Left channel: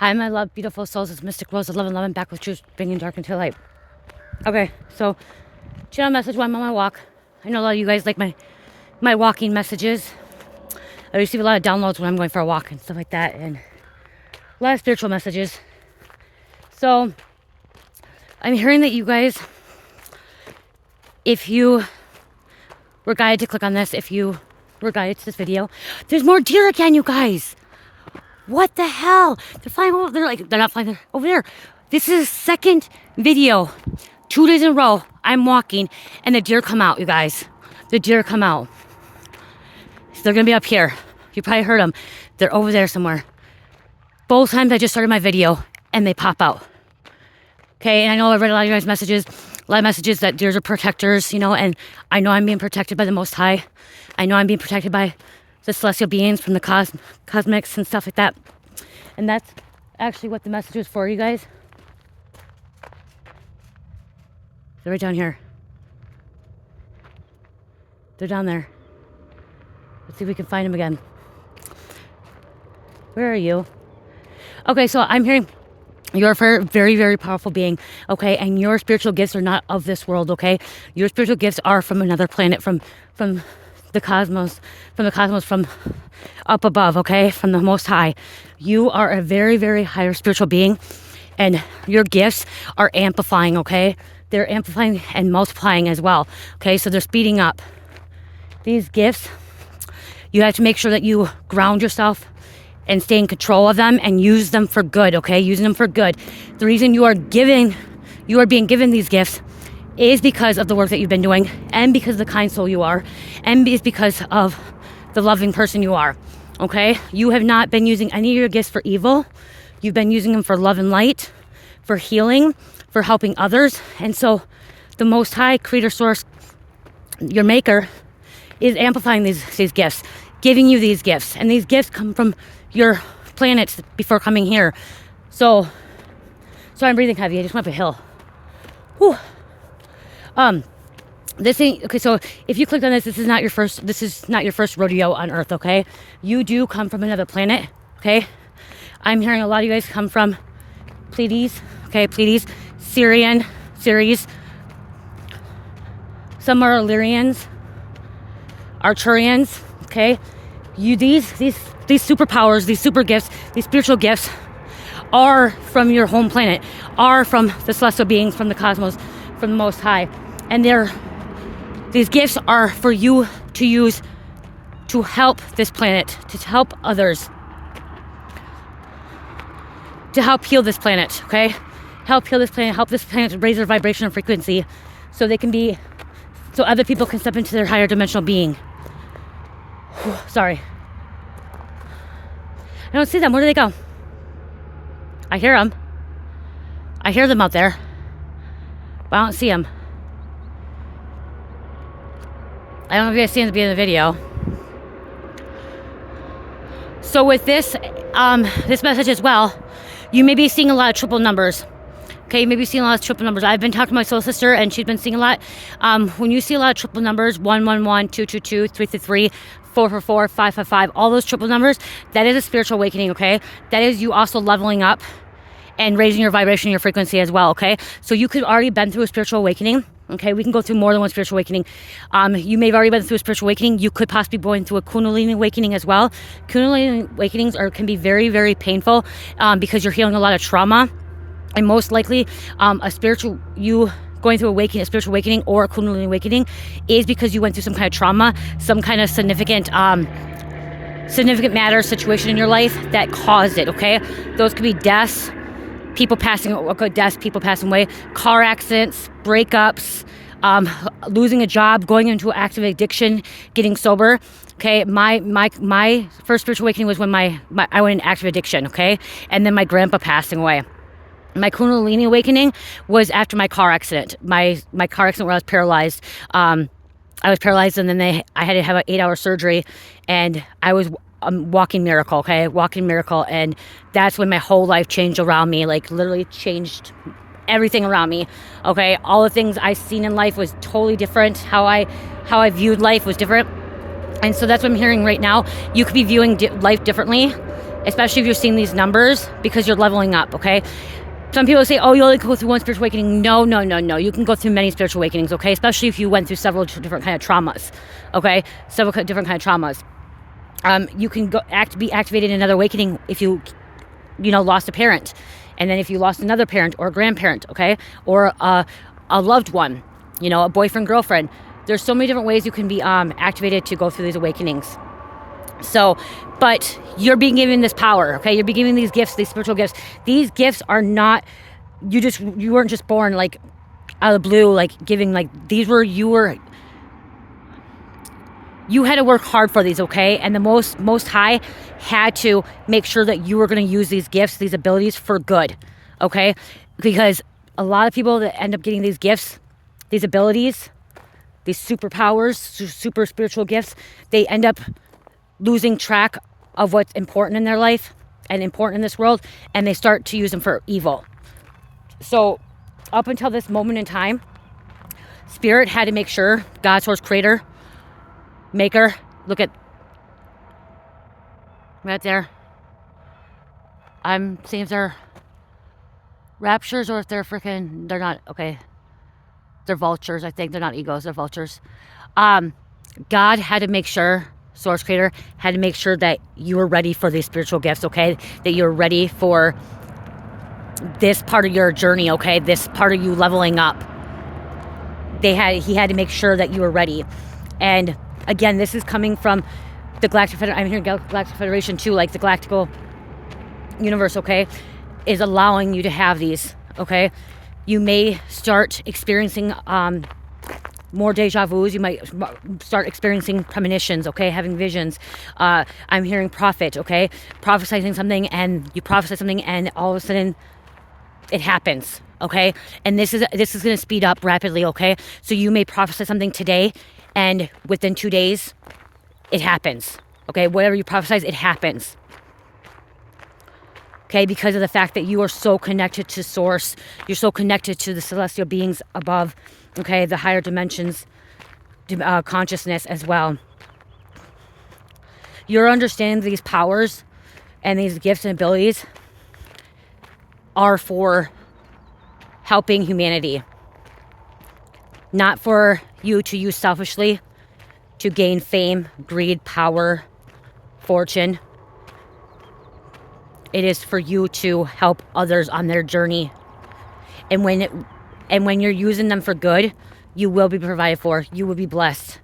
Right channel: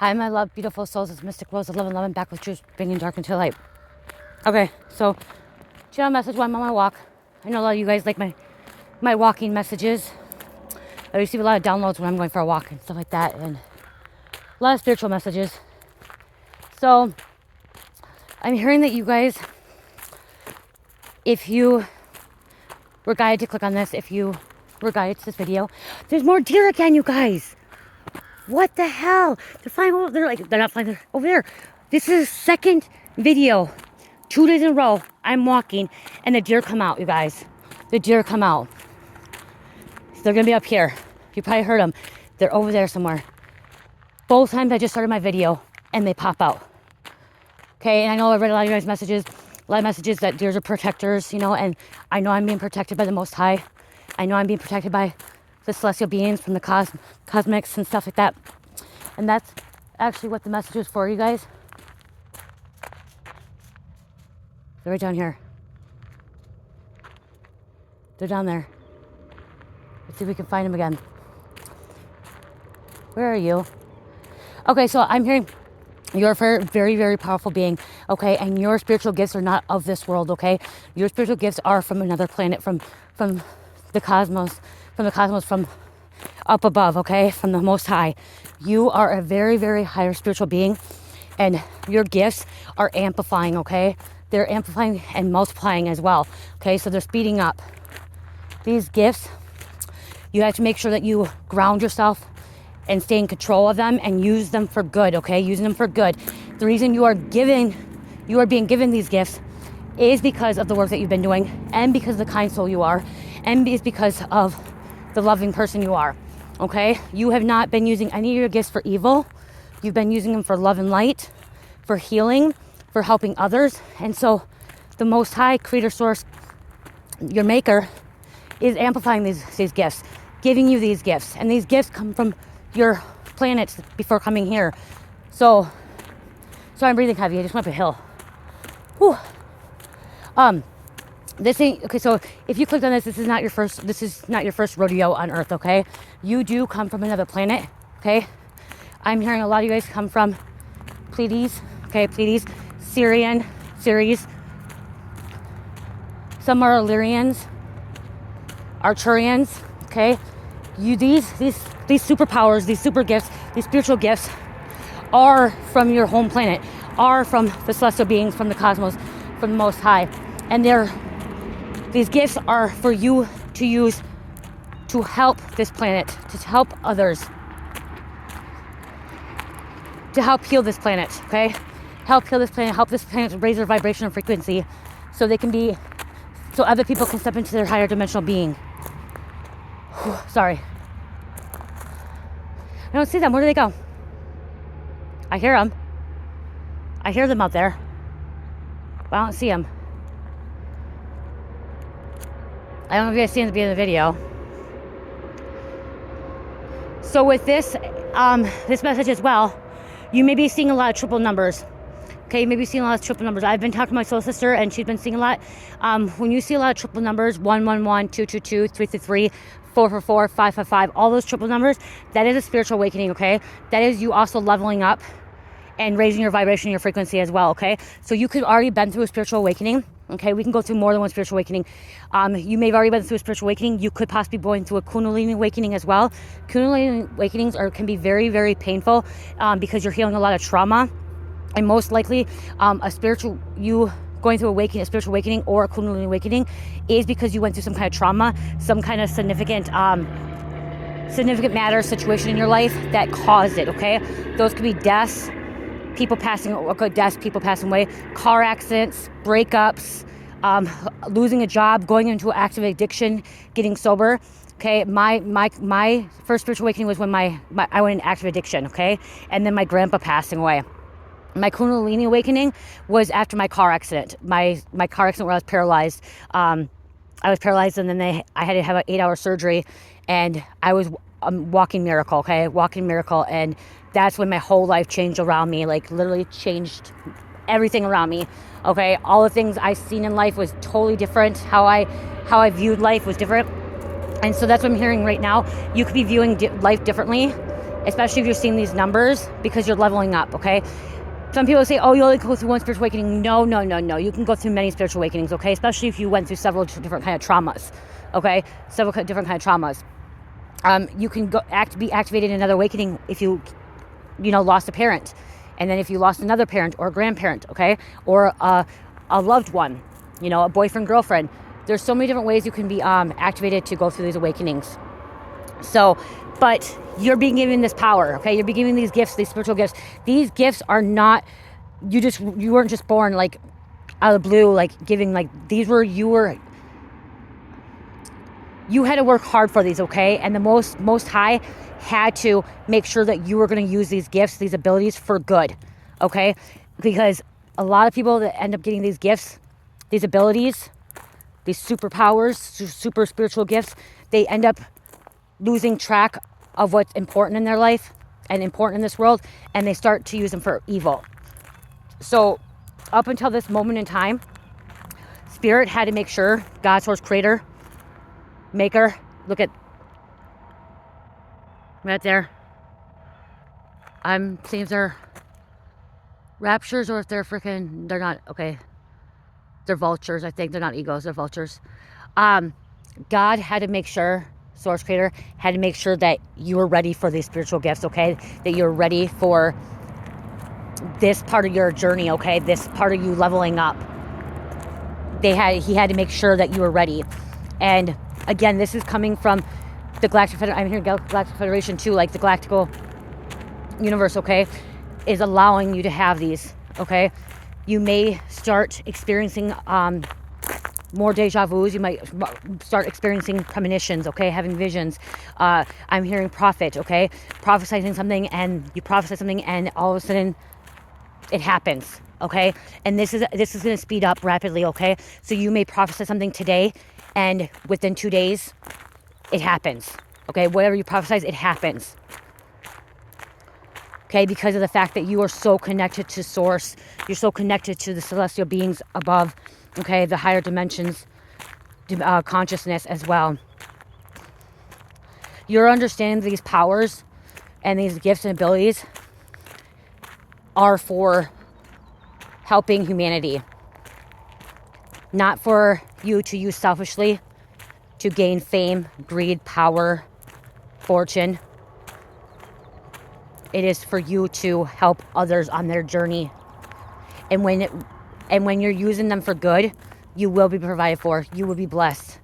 Hi, my love, beautiful souls. It's Mystic Rose, 1111, back with truth, bringing dark into light. Okay, so channel message while I'm on my walk. I know a lot of you guys like my walking messages. I receive a lot of downloads when I'm going for a walk and stuff like that, and a lot of spiritual messages. So I'm hearing that you guys, if you were guided to click on this, if you were guided to this video, there's more deer again, you guys. What the hell? They're flying over. They're not flying over there. This is the second video, 2 days in a row. I'm walking and the deer come out, you guys. The deer come out. So they're gonna be up here. You probably heard them. They're over there somewhere. Both times I just started my video and they pop out. Okay, and I know I read a lot of you guys' messages, a lot of messages that deers are protectors, you know, and I know I'm being protected by the Most High. I know I'm being protected by the celestial beings from the cosmics and stuff like that. And that's actually what the message was for, you guys. They're right down here. They're down there. Let's see if we can find them again. Where are you? Okay, so I'm hearing you're a very, very powerful being, okay? And your spiritual gifts are not of this world, okay? Your spiritual gifts are from another planet, from the cosmos, from up above, okay? From the Most High. You are a very, very higher spiritual being, and your gifts are amplifying, okay? They're amplifying and multiplying as well, okay? So they're speeding up. These gifts, you have to make sure that you ground yourself and stay in control of them and use them for good, okay? Using them for good. The reason you are being given these gifts is because of the work that you've been doing, and because of the kind soul you are, and is because of the loving person you are, okay? You have not been using any of your gifts for evil. You've been using them for love and light, for healing, for helping others. And so the Most High, Creator Source, your Maker, is amplifying these gifts, giving you these gifts. And these gifts come from your planets before coming here. So I'm breathing heavy. I just went up a hill. Whew. This ain't okay. So if you clicked on this, this is not your first rodeo on Earth, okay? You do come from another planet, okay? I'm hearing a lot of you guys come from Pleiades, okay? Pleiades, Ceres. Some are Illyrians, Arcturians, okay? You these superpowers, these super gifts, these spiritual gifts are from your home planet, are from the celestial beings, from the cosmos, from the Most High. And these gifts are for you to use to help this planet, to help others, to help heal this planet, okay? Help heal this planet, help this planet raise their vibration and frequency so other people can step into their higher dimensional being. Whew, sorry. I don't see them. Where do they go? I hear them. I hear them out there, but I don't see them. I don't know if you guys see in the beginning of the video. So with this message as well, you may be seeing a lot of triple numbers. Okay, you may be seeing a lot of triple numbers. I've been talking to my soul sister, and she's been seeing a lot. When you see a lot of triple numbers, 111, 222, 333, 444, 555, all those triple numbers, that is a spiritual awakening, okay? That is you also leveling up and raising your vibration, your frequency as well, okay? So you could already been through a spiritual awakening, okay? We can go through more than one spiritual awakening. You may have already been through a spiritual awakening. You could possibly be going through a Kundalini awakening as well. Kundalini awakenings can be very, very painful because you're healing a lot of trauma. And most likely, going through a spiritual awakening or a Kundalini awakening is because you went through some kind of trauma, some kind of significant matter, situation in your life that caused it, okay? Those could be deaths, people passing away, car accidents, breakups, losing a job, going into active addiction, getting sober. Okay, my first spiritual awakening was when I went into active addiction, okay? And then my grandpa passing away. My Kundalini awakening was after my car accident. My car accident where I was paralyzed. I was paralyzed, and then I had to have an 8-hour surgery, and I was a walking miracle, okay? Walking miracle, and that's when my whole life changed around me, like literally changed everything around me, okay? All the things I seen in life was totally different. How I viewed life was different. And so that's what I'm hearing right now. You could be viewing life differently. especially if you're seeing these numbers, because you're leveling up, okay? Some people say, oh, you only go through one spiritual awakening. No, no, no, no. You can go through many spiritual awakenings, okay? Especially if you went through several different kind of traumas, okay? Several different kind of traumas. You can be activated in another awakening if you lost a parent. And then if you lost another parent or a grandparent, okay? Or a loved one, a boyfriend, girlfriend. There's so many different ways you can be activated to go through these awakenings. So, but you're being given this power, okay? You're being given these gifts, these spiritual gifts. These gifts are not, you weren't just born like out of the blue, like giving, like you had to work hard for these, okay? And the most high had to make sure that you were going to use these gifts, these abilities for good, okay? Because a lot of people that end up getting these gifts, these abilities, these superpowers, super spiritual gifts, they end up losing track of what's important in their life and important in this world, and they start to use them for evil. So up until this moment in time, Spirit had to make sure, God, Source, Creator, Maker, look at right there. I'm seeing if they're raptures or if they're they're not, okay. They're vultures, I think. They're not egos, they're vultures. God had to make sure, Source Creator had to make sure that you were ready for these spiritual gifts, okay? That you're ready for this part of your journey, okay? This part of you leveling up. He had to make sure that you were ready. And again, this is coming from the Galactic Federation. I'm hearing Galactic Federation too, like the Galactical Universe, okay? Is allowing you to have these, okay? You may start experiencing more deja vus. You might start experiencing premonitions, okay? Having visions. I'm hearing prophet, okay? Prophesying something, and you prophesy something, and all of a sudden it happens, okay? And this is going to speed up rapidly, okay? So you may prophesy something today, and within 2 days, it happens, okay? Whatever you prophesize, it happens. Okay, because of the fact that you are so connected to Source. You're so connected to the celestial beings above, okay, the higher dimensions, consciousness as well. Your understanding these powers and these gifts and abilities are for helping humanity. Not for you to use selfishly to gain fame, greed, power, fortune. It is for you to help others on their journey. And when you're using them for good, you will be provided for. You will be blessed.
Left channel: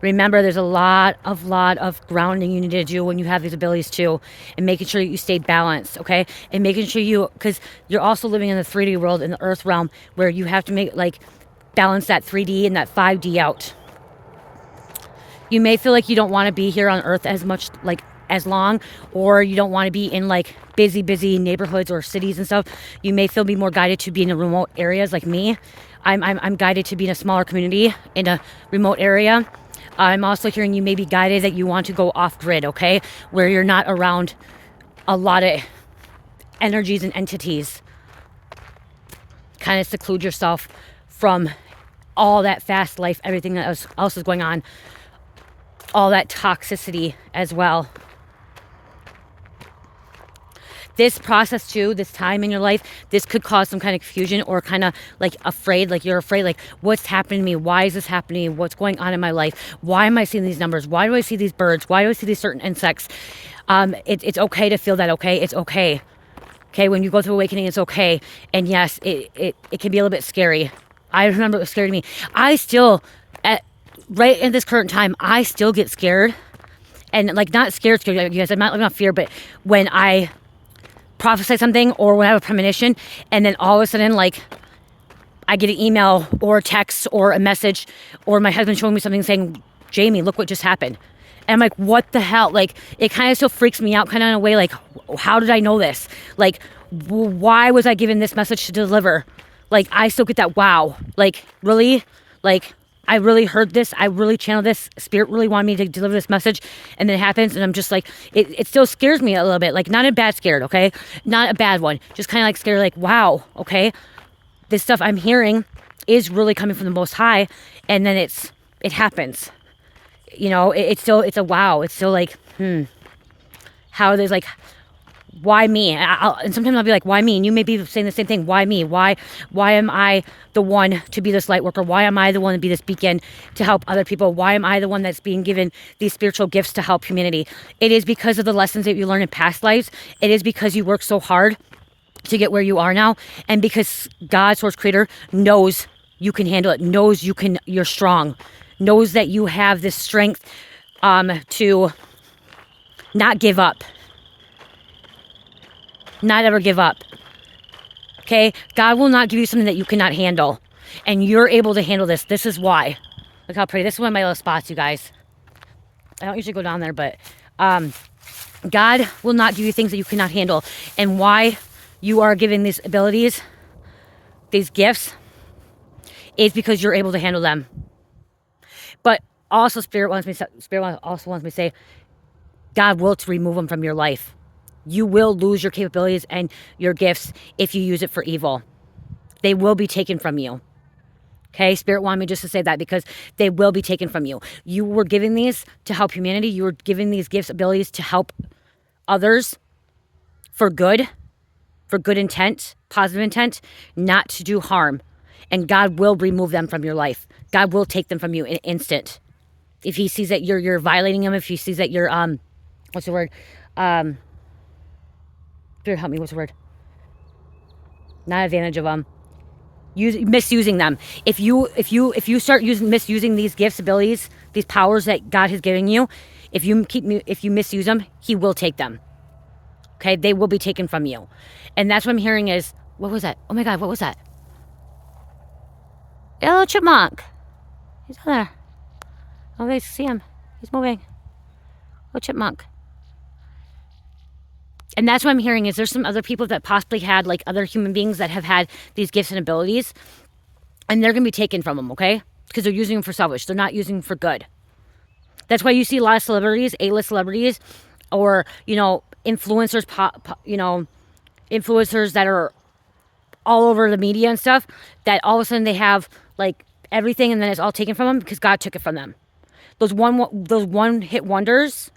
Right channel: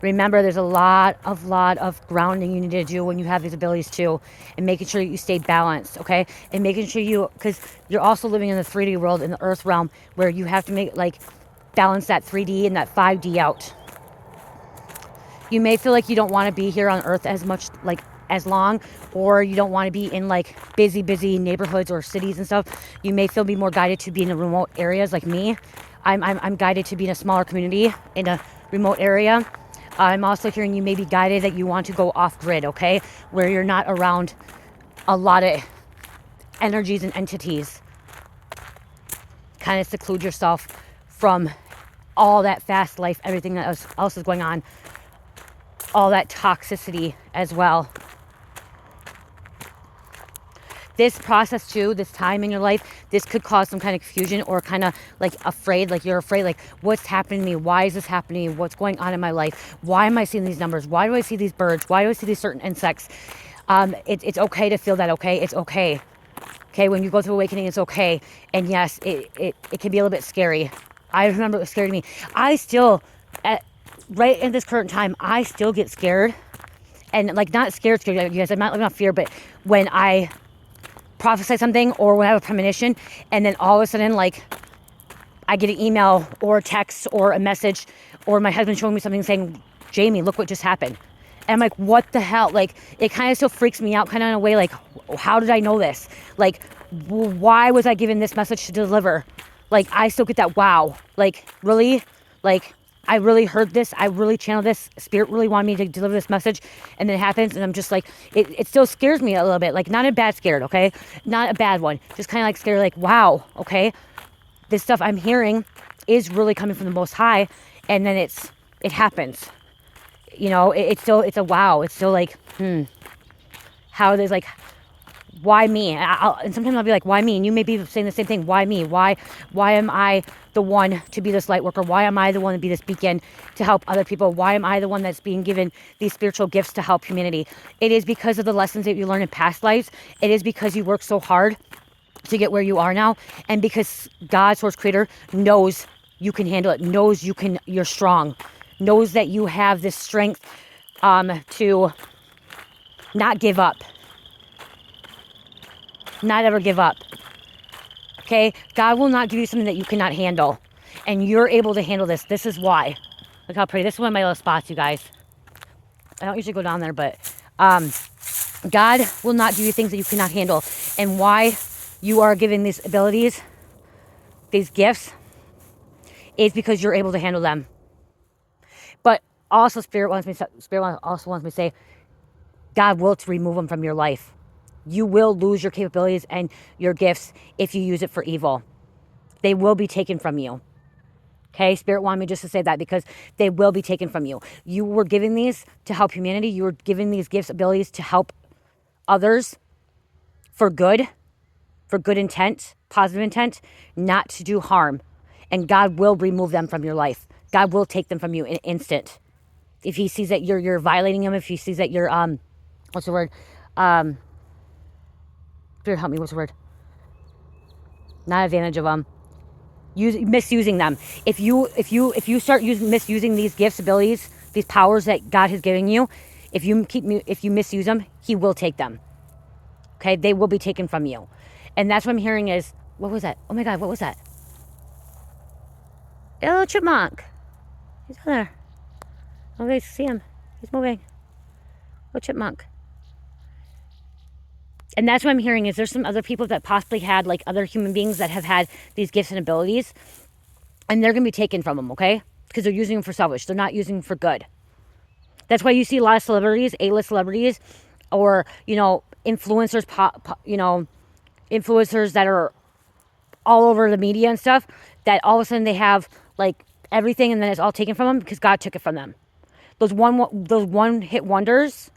Remember, there's a lot of grounding you need to do when you have these abilities too. And making sure you stay balanced, okay? And making sure because you're also living in the 3D world, in the earth realm, where you have to balance that 3D and that 5D out. You may feel like you don't want to be here on earth as much, as long, or you don't want to be in busy neighborhoods or cities and stuff. You may be more guided to be in the remote areas like me. I'm guided to be in a smaller community in a remote area. I'm also hearing you may be guided that you want to go off grid, okay? Where you're not around a lot of energies and entities. Kind of seclude yourself from all that fast life, everything that else is going on. All that toxicity as well. This process too, this time in your life, this could cause some kind of confusion or kind of afraid, you're afraid, what's happening to me? Why is this happening to me? What's going on in my life? Why am I seeing these numbers? Why do I see these birds? Why do I see these certain insects? It's okay to feel that, okay? It's okay. Okay, when you go through awakening, it's okay. And yes, it can be a little bit scary. I remember it was scary to me. I still, right in this current time, I still get scared. And not scared, you guys, I'm not living off fear, but when I prophesy something or when I have a premonition, and then all of a sudden, I get an email or a text or a message, or my husband showing me something saying, Jamie, look what just happened. And I'm like, what the hell? It kind of still freaks me out, kind of in a way, how did I know this? Why was I given this message to deliver? I still get that, wow. Really? I really heard this. I really channeled this. Spirit really wanted me to deliver this message. And then it happens. And I'm just it still scares me a little bit. Not a bad scared, okay? Not a bad one. Just kind of scared, wow, okay? This stuff I'm hearing is really coming from the Most High. And then it happens. you know, it's a wow. It's still like, how there's like, why me? And sometimes I'll be like, why me? And you may be saying the same thing. Why me? Why am I the one to be this light worker? Why am I the one to be this beacon to help other people? Why am I the one that's being given these spiritual gifts to help humanity? It is because of the lessons that you learn in past lives. It is because you work so hard to get where you are now. And because God, Source Creator, knows you can handle it, knows you're strong, knows that you have this strength to not give up. Not ever give up. Okay? God will not give you something that you cannot handle. And you're able to handle this. This is why. Look how pretty. This is one of my little spots, you guys. I don't usually go down there, but God will not give you things that you cannot handle. And why you are given these abilities, these gifts, is because you're able to handle them. But also Spirit also wants me to say, God will remove them from your life. You will lose your capabilities and your gifts if you use it for evil. They will be taken from you. Okay, Spirit wanted me just to say that because they will be taken from you. You were given these to help humanity. You were given these gifts, abilities to help others for good intent, positive intent, not to do harm. And God will remove them from your life. God will take them from you in an instant. If he sees that you're violating him, if he sees that you're, what's the word? Spirit, help me, what's the word? Not advantage of them. Misusing them. If you start misusing these gifts, abilities, these powers that God has given you, if you misuse them, he will take them. Okay, they will be taken from you. And that's what I'm hearing is, what was that? Oh my God, what was that? A little chipmunk. He's on there. Oh, they see him. He's moving. Oh, chipmunk. And that's what I'm hearing is there's some other people that possibly had like other human beings that have had these gifts and abilities, and they're going to be taken from them, okay? Because they're using them for selfish. They're not using them for good. That's why you see a lot of celebrities, A-list celebrities, or, you know, influencers, influencers that are all over the media and stuff, that all of a sudden they have like everything and then it's all taken from them because God took it from them. Those one hit wonders,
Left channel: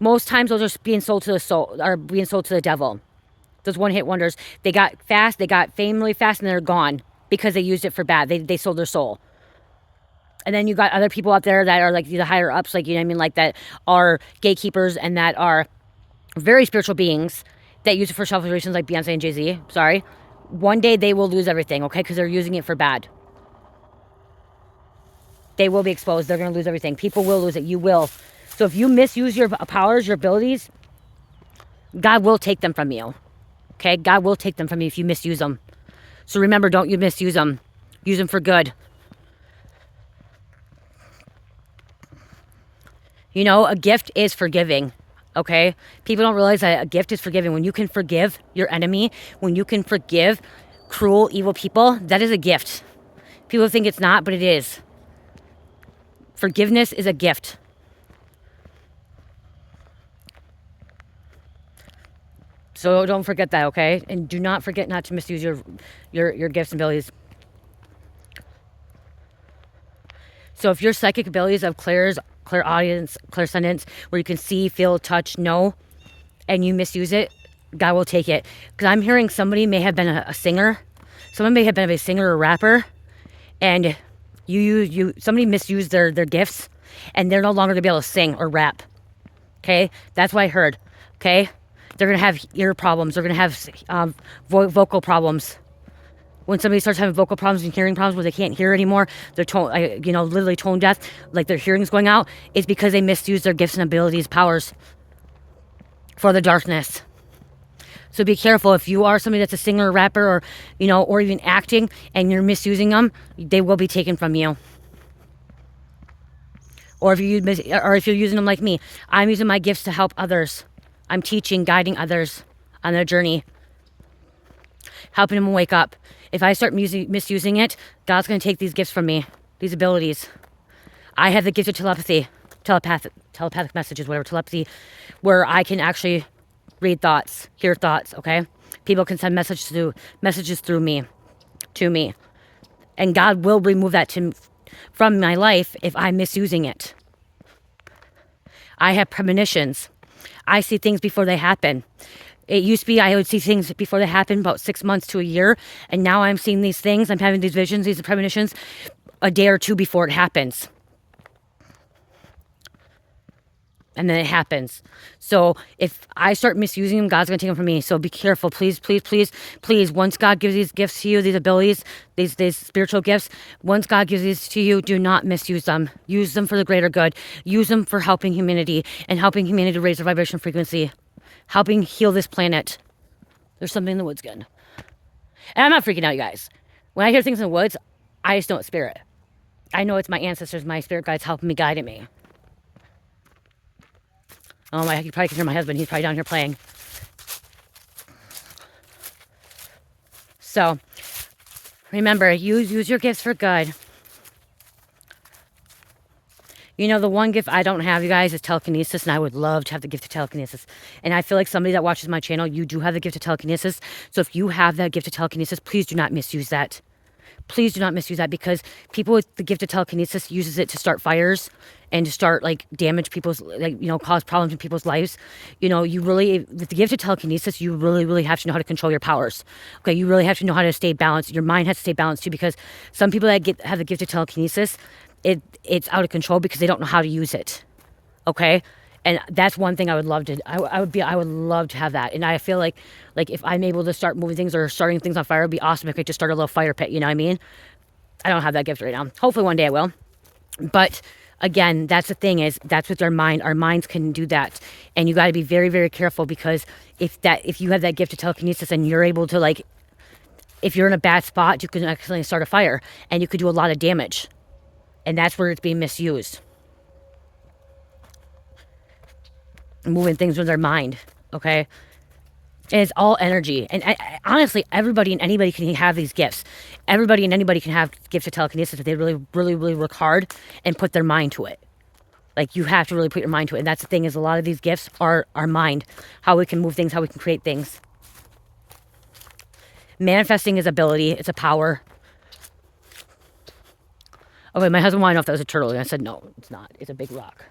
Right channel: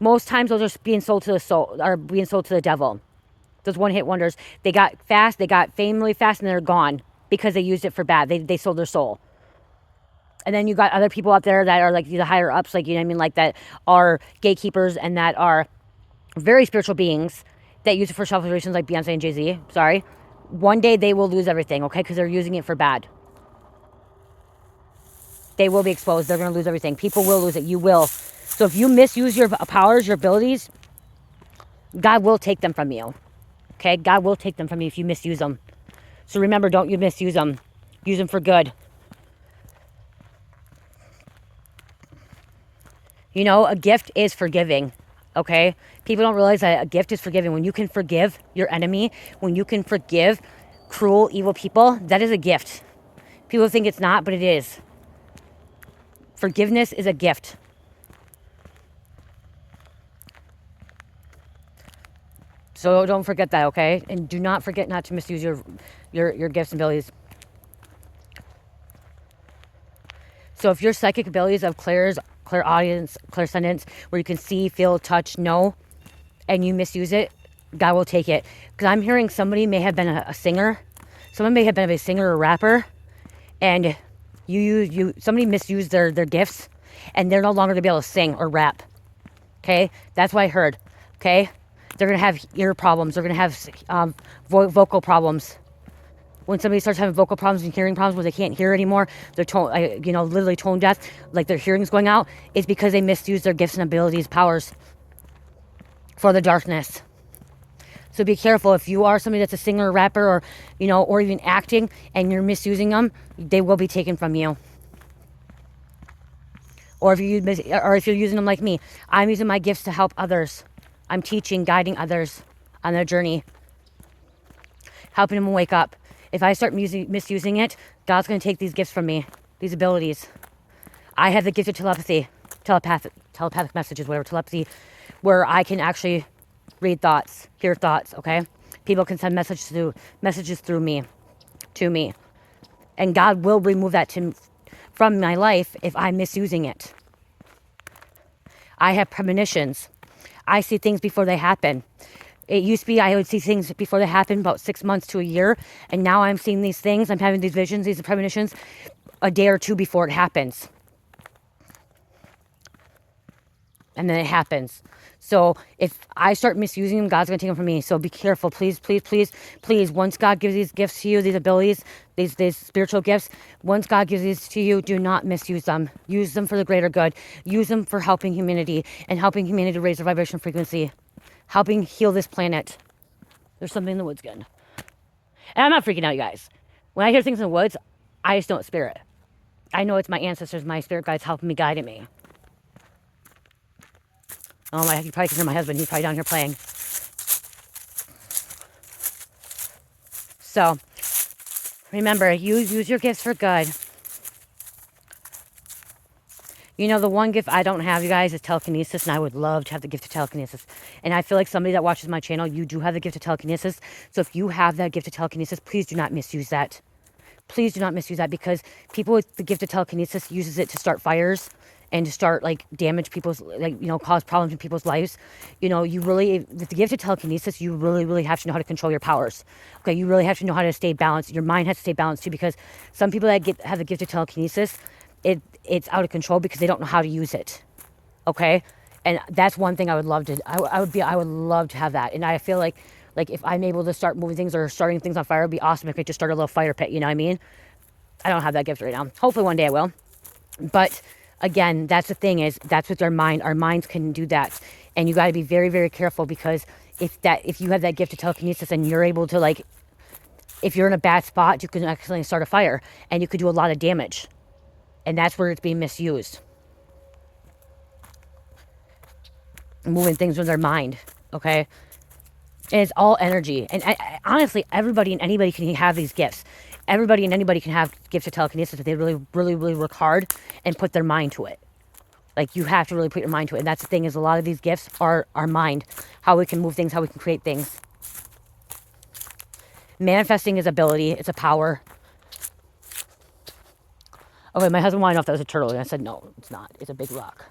most times those are being sold to the soul, are being sold to the devil. Those one hit wonders, they got fast, they got fame really fast, and they're gone because they used it for bad. They sold their soul. And then you got other people out there that are like the higher ups, like, you know what I mean, like that are gatekeepers and that are very spiritual beings that use it for selfish reasons, like Beyonce and Jay-Z. Sorry. One day they will lose everything, okay? Because they're using it for bad. They will be exposed. They're going to lose everything. People will lose it. You will. So if you misuse your powers, your abilities, God will take them from you. Okay? God will take them from you if you misuse them. So remember, don't you misuse them. Use them for good. You know, a gift is forgiving. Okay? People don't realize that a gift is forgiving. When you can forgive your enemy, when you can forgive cruel, evil people, that is a gift. People think it's not, but it is. Forgiveness is a gift. So don't forget that, okay? And do not forget not to misuse your gifts and abilities. So if your psychic abilities of clairaudience, clairsentience, where you can see, feel, touch, know, and you misuse it, God will take it. Because I'm hearing somebody may have been a singer. Someone may have been a singer or rapper, and somebody misused their gifts, and they're no longer going to be able to sing or rap. Okay? That's what I heard. Okay? They're going to have ear problems. They're going to have vocal problems. When somebody starts having vocal problems and hearing problems where they can't hear anymore, they're literally tone deaf, like their hearing's going out, it's because they misuse their gifts and abilities, powers for the darkness. So be careful. If you are somebody that's a singer, or rapper, or, you know, or even acting, and you're misusing them, they will be taken from you. Or if you're using them like me, I'm using my gifts to help others. I'm teaching, guiding others on their journey, helping them wake up. If I start misusing it, God's going to take these gifts from me, these abilities. I have the gift of telepathic messages, whatever, telepathy, where I can actually read thoughts, hear thoughts, okay? People can send messages through me, to me. And God will remove that from from my life if I'm misusing it. I have premonitions. I see things before they happen. It used to be I would see things before they happen about 6 months to a year. And now I'm seeing these things. I'm having these visions, these premonitions a day or two before it happens. And then it happens. So if I start misusing them, God's going to take them from me. So be careful. Please, please, please, please. Once God gives these gifts to you, these abilities, these spiritual gifts, once God gives these to you, do not misuse them. Use them for the greater good. Use them for helping humanity and helping humanity raise their vibration frequency. Helping heal this planet. There's something in the woods again. And I'm not freaking out, you guys. When I hear things in the woods, I just know it's spirit. I know it's my ancestors, my spirit guides helping me, guiding me. Oh my, you probably can hear my husband. He's probably down here playing. So, remember, use your gifts for good. You know, the one gift I don't have, you guys, is telekinesis, and I would love to have the gift of telekinesis. And I feel like somebody that watches my channel, you do have the gift of telekinesis. So if you have that gift of telekinesis, please do not misuse that. Please do not misuse that, because people with the gift of telekinesis uses it to start fires and to start, like, damage people's, like, you know, cause problems in people's lives. You know, you really, with the gift of telekinesis, you really, really have to know how to control your powers. Okay, you really have to know how to stay balanced. Your mind has to stay balanced too, because some people that have the gift of telekinesis, it's out of control because they don't know how to use it. Okay, and that's one thing I would love to. I would love to have that. And I feel like if I'm able to start moving things or starting things on fire, it'd be awesome if I could just start a little fire pit. You know what I mean? I don't have that gift right now. Hopefully one day I will. But again, that's the thing, is that's with our mind. Our minds can do that, and you got to be very, very careful, because if you have that gift of telekinesis and you're able to, like, if you're in a bad spot, you can accidentally start a fire and you could do a lot of damage, and that's where it's being misused. Moving things with their mind, okay? And it's all energy. And honestly, everybody and anybody can have these gifts. Everybody and anybody can have gifts of telekinesis if they really, really, really work hard and put their mind to it. Like, you have to really put your mind to it. And that's the thing, is a lot of these gifts are our mind. How we can move things, how we can create things. Manifesting is ability. It's a power. Okay, my husband wanted to know if that was a turtle. And I said, no, it's not. It's a big rock.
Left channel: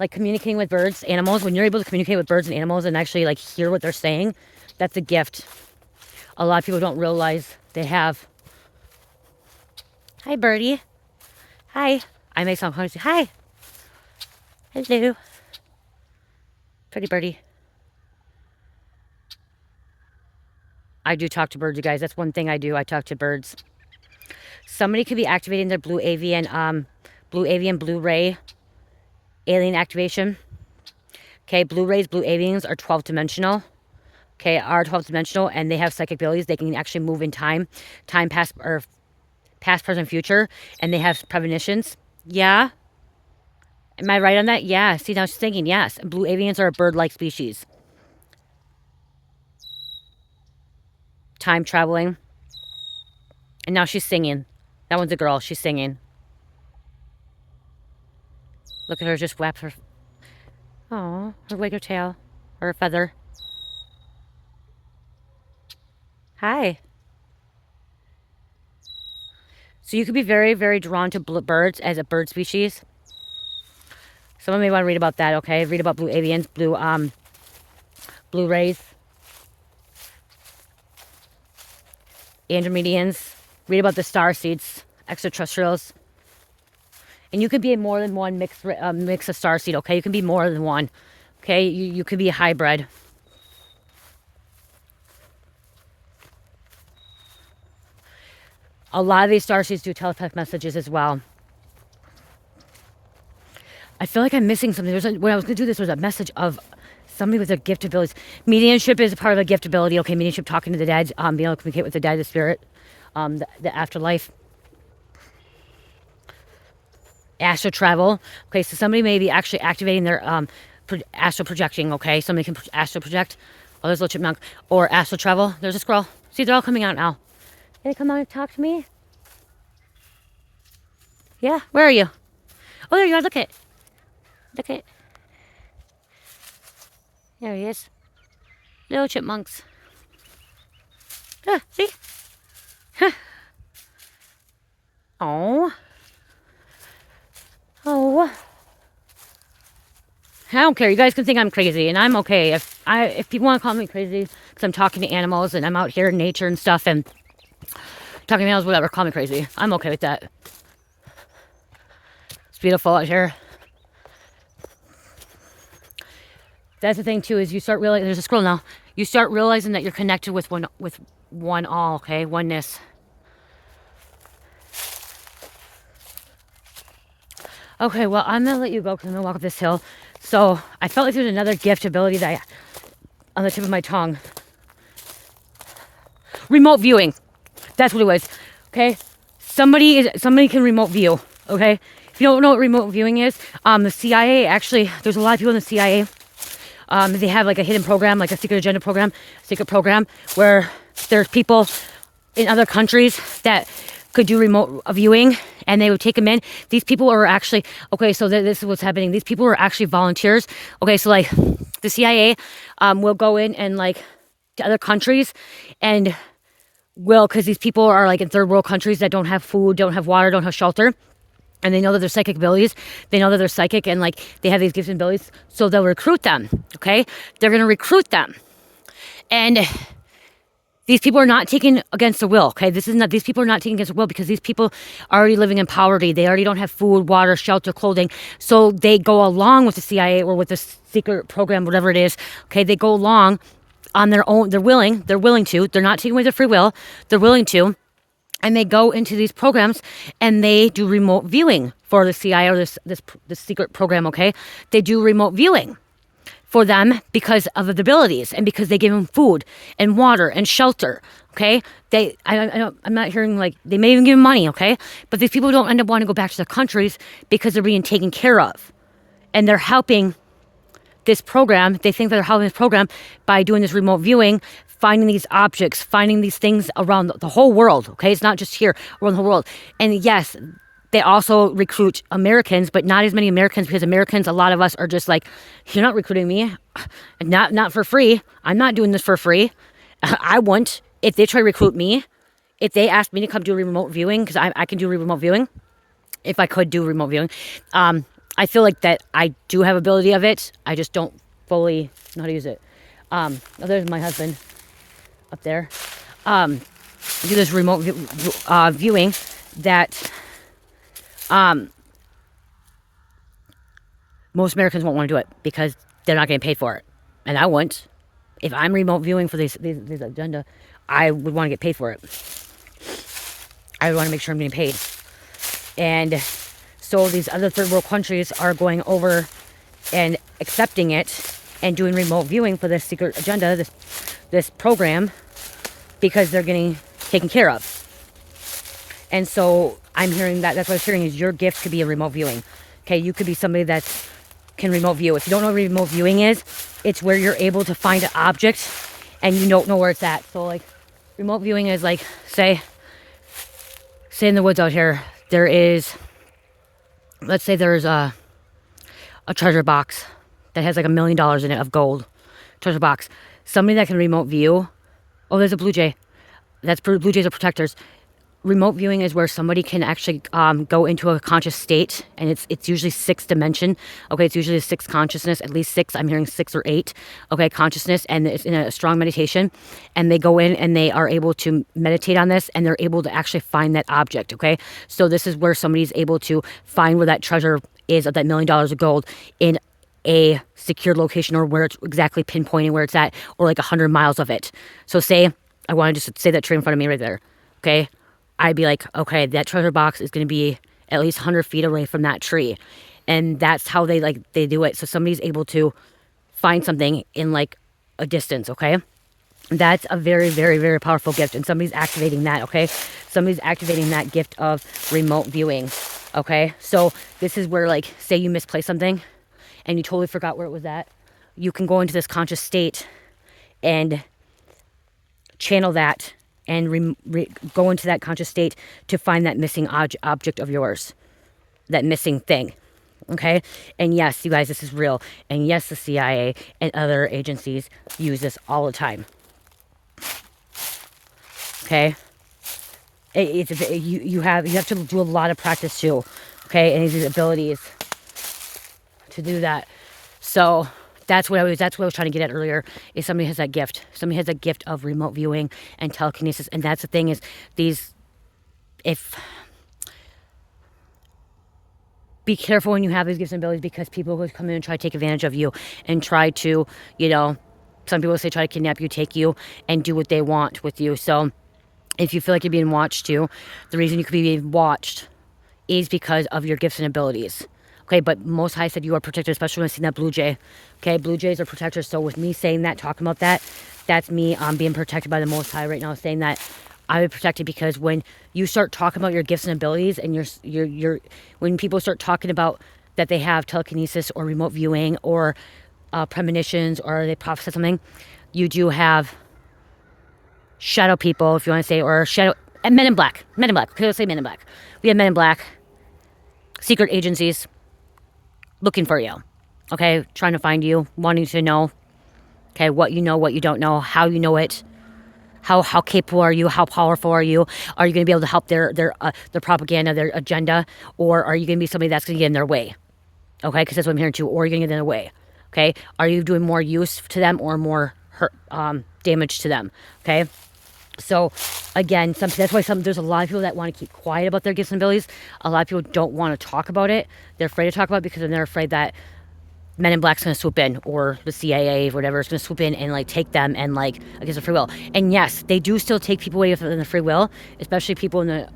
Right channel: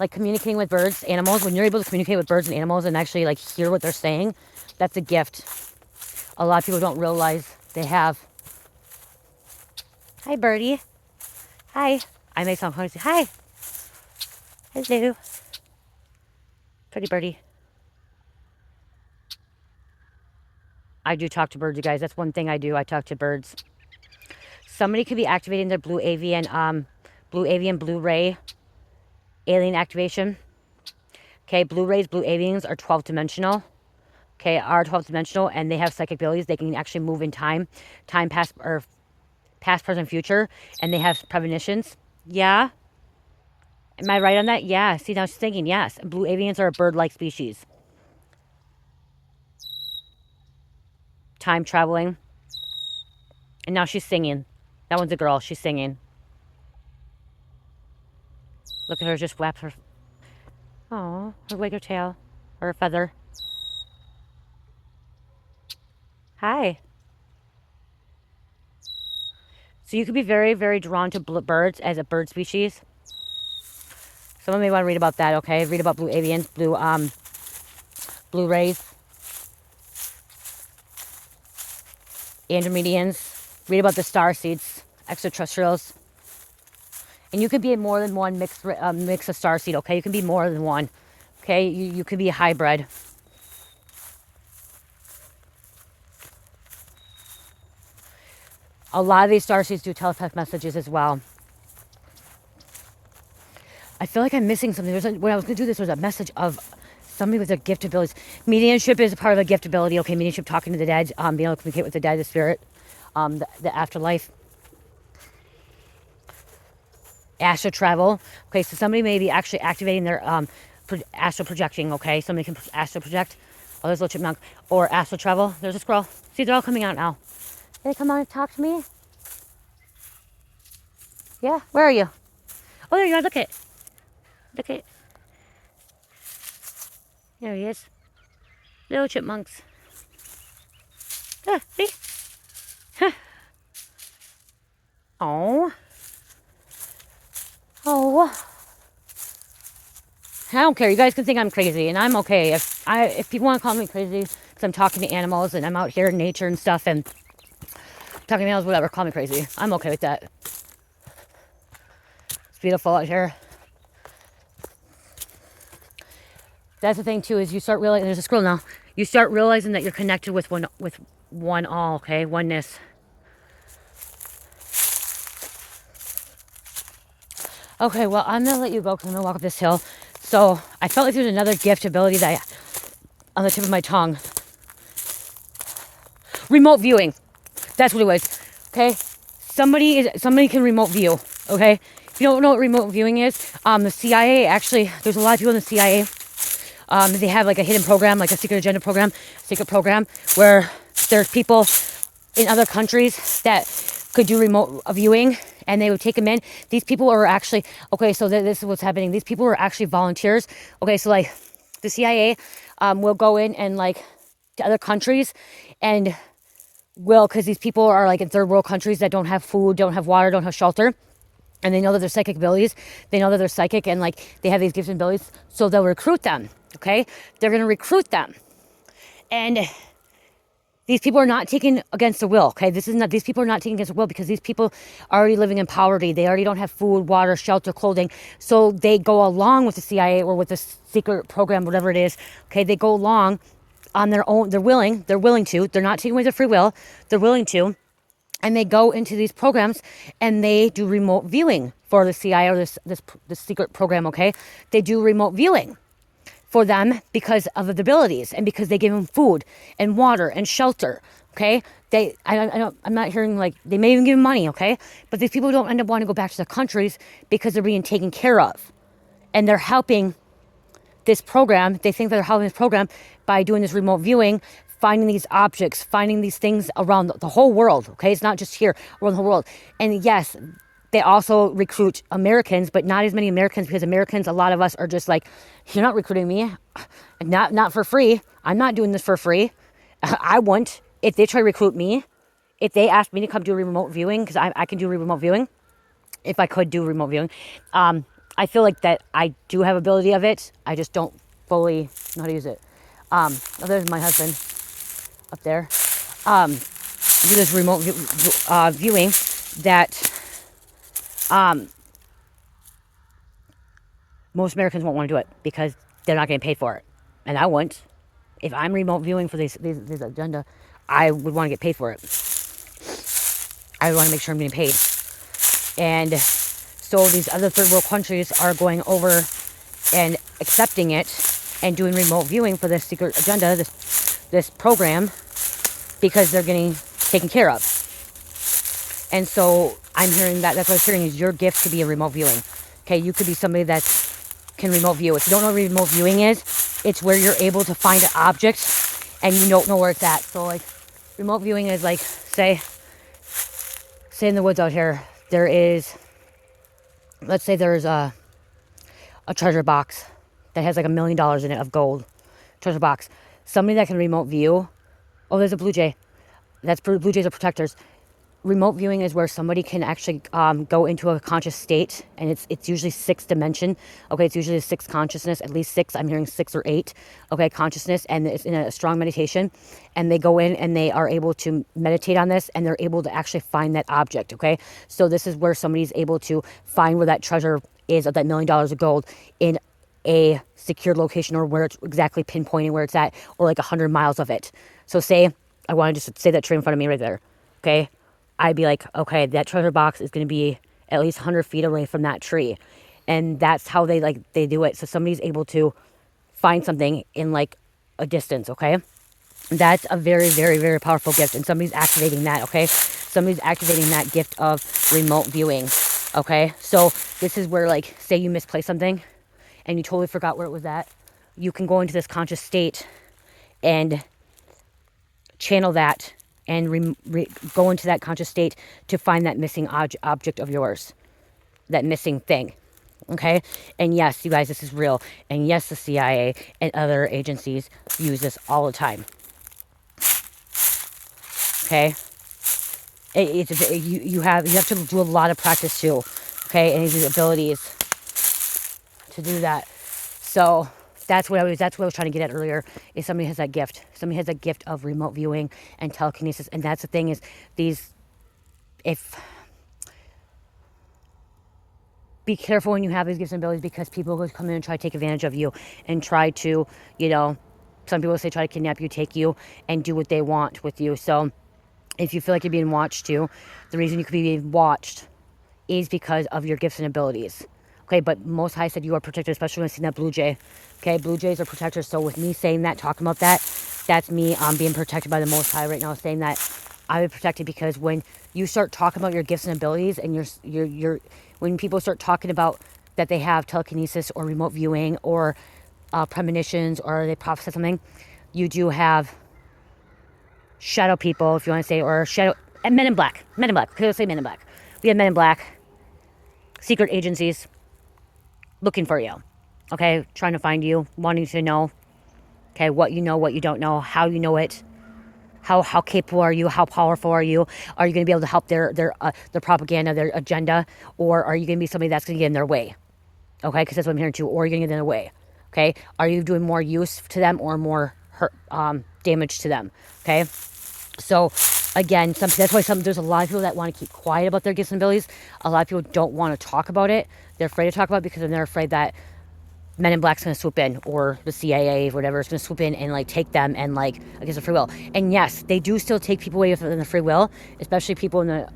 Like, communicating with birds, animals. When you're able to communicate with birds and animals and actually, like, hear what they're saying, that's a gift. A lot of people don't realize they have. Hi, birdie. Hi. I make some funny. Hi. Hello. Pretty birdie. I do talk to birds, you guys. That's one thing I do. I talk to birds. Somebody could be activating their blue avian, blue ray alien activation. Okay, blue rays, blue avians are 12 dimensional. Okay, are 12 dimensional, and they have psychic abilities. They can actually move in time, past, present, future, and they have premonitions. Yeah. Am I right on that? Yeah. See, now she's thinking, yes. Blue avians are a bird-like species. Time traveling. And now she's singing. That one's a girl. She's singing. Look at her just whap her. Oh, her wag her tail. Or a feather. Hi. So you could be very, very drawn to birds as a bird species. Someone may want to read about that, okay? Read about blue avians, blue rays, Andromedians. Read about the star seeds, extraterrestrials. And you could be more than one mix of star seed, okay? You can be more than one, okay? You could be a hybrid. A lot of these star seeds do telepathic messages as well. I feel like I'm missing something. When I was going to do this, there was a message of somebody with a gift abilities. Mediumship is a part of a gift ability. Okay, mediumship, talking to the dead, being able to communicate with the dead, the spirit, the afterlife. Astral travel. Okay, so somebody may be actually activating their astral projecting. Okay, somebody can astral project. Oh, there's a little chipmunk. Or astral travel. There's a squirrel. See, they're all coming out now. Can they come on and talk to me? Yeah, where are you? Oh, there you are. Look at it. Look at it. There he is. Little chipmunks. Yeah, see? Oh. Oh. I don't care. You guys can think I'm crazy, and I'm okay. If people want to call me crazy because I'm talking to animals and I'm out here in nature and stuff and talking to animals, whatever, call me crazy. I'm okay with that. It's beautiful out here. That's the thing too, is you start realizing, there's a scroll now. You start realizing that you're connected with one all, okay? Oneness. Okay, well, I'm gonna let you go because I'm gonna walk up this hill. So I felt like there's another gift ability that on the tip of my tongue. Remote viewing. That's what it was. Okay? Somebody can remote view. Okay? If you don't know what remote viewing is, the CIA actually, there's a lot of people in the CIA. They have like a hidden program, like a secret agenda program, secret program, where there's people in other countries that could do remote viewing, and they would take them in. These people are actually, okay, so this is what's happening. These people are actually volunteers. Okay, so like the CIA will go in and like to other countries and will, because these people are like in third world countries that don't have food, don't have water, don't have shelter. And they know that they're psychic abilities. They know that they're psychic and like they have these gifts and abilities. So they'll recruit them. Okay. They're going to recruit them. And these people are not taken against the will. Okay. These people are not taken against the will because these people are already living in poverty. They already don't have food, water, shelter, clothing. So they go along with the CIA or with the secret program, whatever it is. Okay. They go along on their own. They're willing to. They're not taking away their free will. They're willing to. And they go into these programs and they do remote viewing for the CIA or this secret program, okay? They do remote viewing for them because of the abilities and because they give them food and water and shelter, okay? I'm not hearing like, they may even give them money, okay? But these people don't end up wanting to go back to their countries because they're being taken care of. And they're helping this program. They think that they're helping this program by doing this remote viewing, finding these objects, finding these things around the whole world, okay? It's not just here, around the whole world. And yes, they also recruit Americans, but not as many Americans because Americans, a lot of us are just like, you're not recruiting me, not for free. I'm not doing this for free. I want, if they try to recruit me, if they ask me to come do remote viewing, because I can do remote viewing, if I could do remote viewing, I feel like that I do have ability of it. I just don't fully know how to use it. Oh, there's my husband up there. Do this remote viewing that most Americans won't want to do it because they're not getting paid for it. And I wouldn't. If I'm remote viewing for this agenda, I would want to get paid for it. I would want to make sure I'm getting paid. And so these other third world countries are going over and accepting it and doing remote viewing for this secret agenda, this program, because they're getting taken care of. And so I'm hearing that. That's what I'm hearing is your gift could be a remote viewing. Okay, you could be somebody that can remote view. If you don't know what remote viewing is, it's where you're able to find an object and you don't know where it's at. So like remote viewing is like, say in the woods out here, there is, let's say there's a treasure box that has like $1 million in it of gold. Treasure box. Somebody that can remote view. Oh, there's a blue jay. Blue jays are protectors. Remote viewing is where somebody can actually go into a conscious state, and it's usually 6th dimension. Okay, it's usually a 6th consciousness, at least 6. I'm hearing 6 or 8. Okay, consciousness, and it's in a strong meditation, and they go in and they are able to meditate on this, and they're able to actually find that object. Okay, so this is where somebody's able to find where that treasure is of that $1 million of gold in a secure location, or where it's exactly pinpointing where it's at, or like 100 miles of it. So say I want to just say that tree in front of me right there. Okay. I'd be like, okay, that treasure box is going to be at least 100 feet away from that tree. And that's how they do it. So somebody's able to find something in like a distance, okay? That's a very, very, very powerful gift. And somebody's activating that, okay? Somebody's activating that gift of remote viewing, okay? So this is where, like, say you misplaced something and you totally forgot where it was at. You can go into this conscious state and channel that and go into that conscious state to find that missing object of yours, that missing thing, okay? And yes, you guys, this is real. And yes, the CIA and other agencies use this all the time, okay? You have to do a lot of practice too, okay, and these abilities to do that. So that's what I was trying to get at earlier, is somebody has that gift. Somebody has that gift of remote viewing and telekinesis. And that's the thing, is be careful when you have these gifts and abilities, because people will come in and try to take advantage of you and try to, some people say try to kidnap you, take you, and do what they want with you. So if you feel like you're being watched too, the reason you could be being watched is because of your gifts and abilities. Okay, but Most High said you are protected, especially when I see that blue jay. Okay, blue jays are protectors. So with me saying that, talking about that, that's me being protected by the Most High right now, saying that I'm protected, because when you start talking about your gifts and abilities, and when people start talking about that they have telekinesis or remote viewing or premonitions, or they prophesy something, you do have shadow people, if you want to say, or men in black. Okay, let's say men in black. We have men in black, secret agencies looking for you, okay, trying to find you, wanting to know, okay, what you know, what you don't know, how you know it, how capable are you, how powerful are you going to be able to help their propaganda, their agenda, or are you going to be somebody that's going to get in their way, okay, because that's what I'm hearing too, or you're going to get in their way, okay, are you doing more use to them or more hurt, damage to them, okay. So again, that's why there's a lot of people that want to keep quiet about their gifts and abilities. A lot of people don't want to talk about it. They're afraid to talk about it because they're afraid that Men in Black's going to swoop in, or the CIA or whatever is going to swoop in and like take them and like against their free will. And yes, they do still take people away from their free will, especially people in the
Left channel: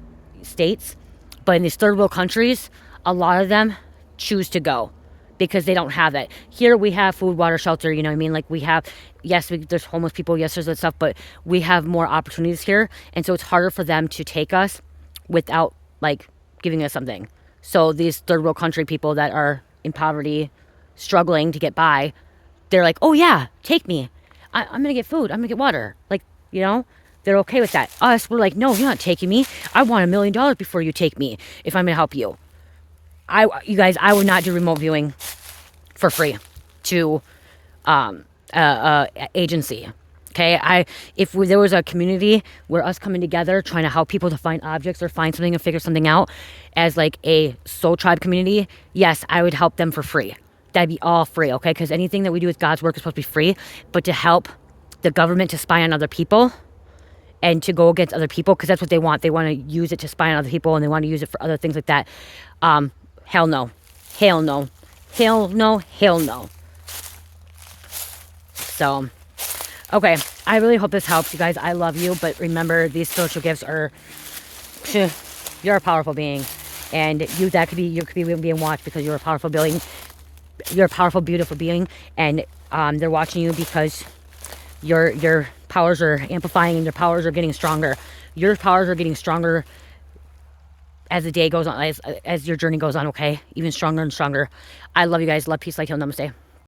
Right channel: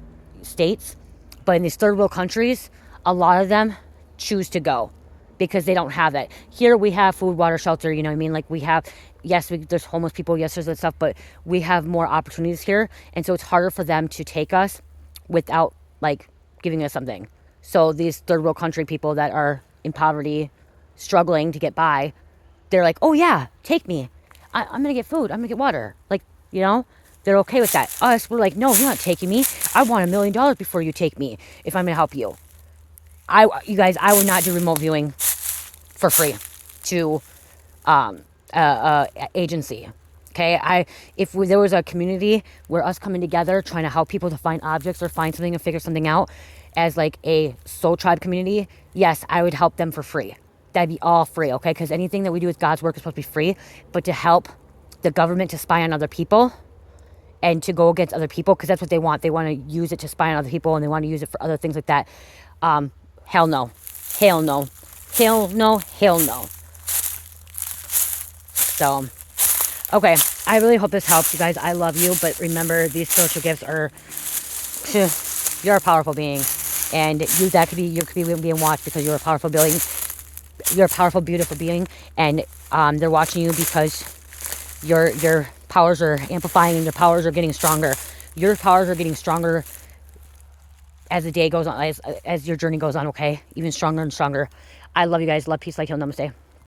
States. But in these third world countries, a lot of them choose to go because they don't have it. Here we have food, water, shelter, you know what I mean? Like we have, yes, there's homeless people, yes, there's that stuff, but we have more opportunities here. And so it's harder for them to take us without like giving us something. So these third world country people that are in poverty, struggling to get by, they're like, oh yeah, take me. I'm going to get food. I'm going to get water. Like, they're okay with that. Us, we're like, no, you're not taking me. I want $1 million before you take me if I'm going to help you. You guys, I would not do remote viewing for free to agency. Okay, if there was a community where us coming together trying to help people to find objects or find something and figure something out as like a soul tribe community, yes, I would help them for free. That'd be all free, okay? Because anything that we do with God's work is supposed to be free. But to help the government to spy on other people and to go against other people, because that's what they want. They want to use it to spy on other people, and they want to use it for other things like that. Hell no. Hell no. Hell no. Hell no. So, okay. I really hope this helps, you guys. I love you. But remember, these spiritual gifts are... You're a powerful being. And you could be being watched because you're a powerful being. You're a powerful, beautiful being. And they're watching you because your powers are amplifying and your powers are getting stronger. Your powers are getting stronger as the day goes on, as your journey goes on, okay? Even stronger and stronger. I love you guys. Love, peace, light, heal, namaste.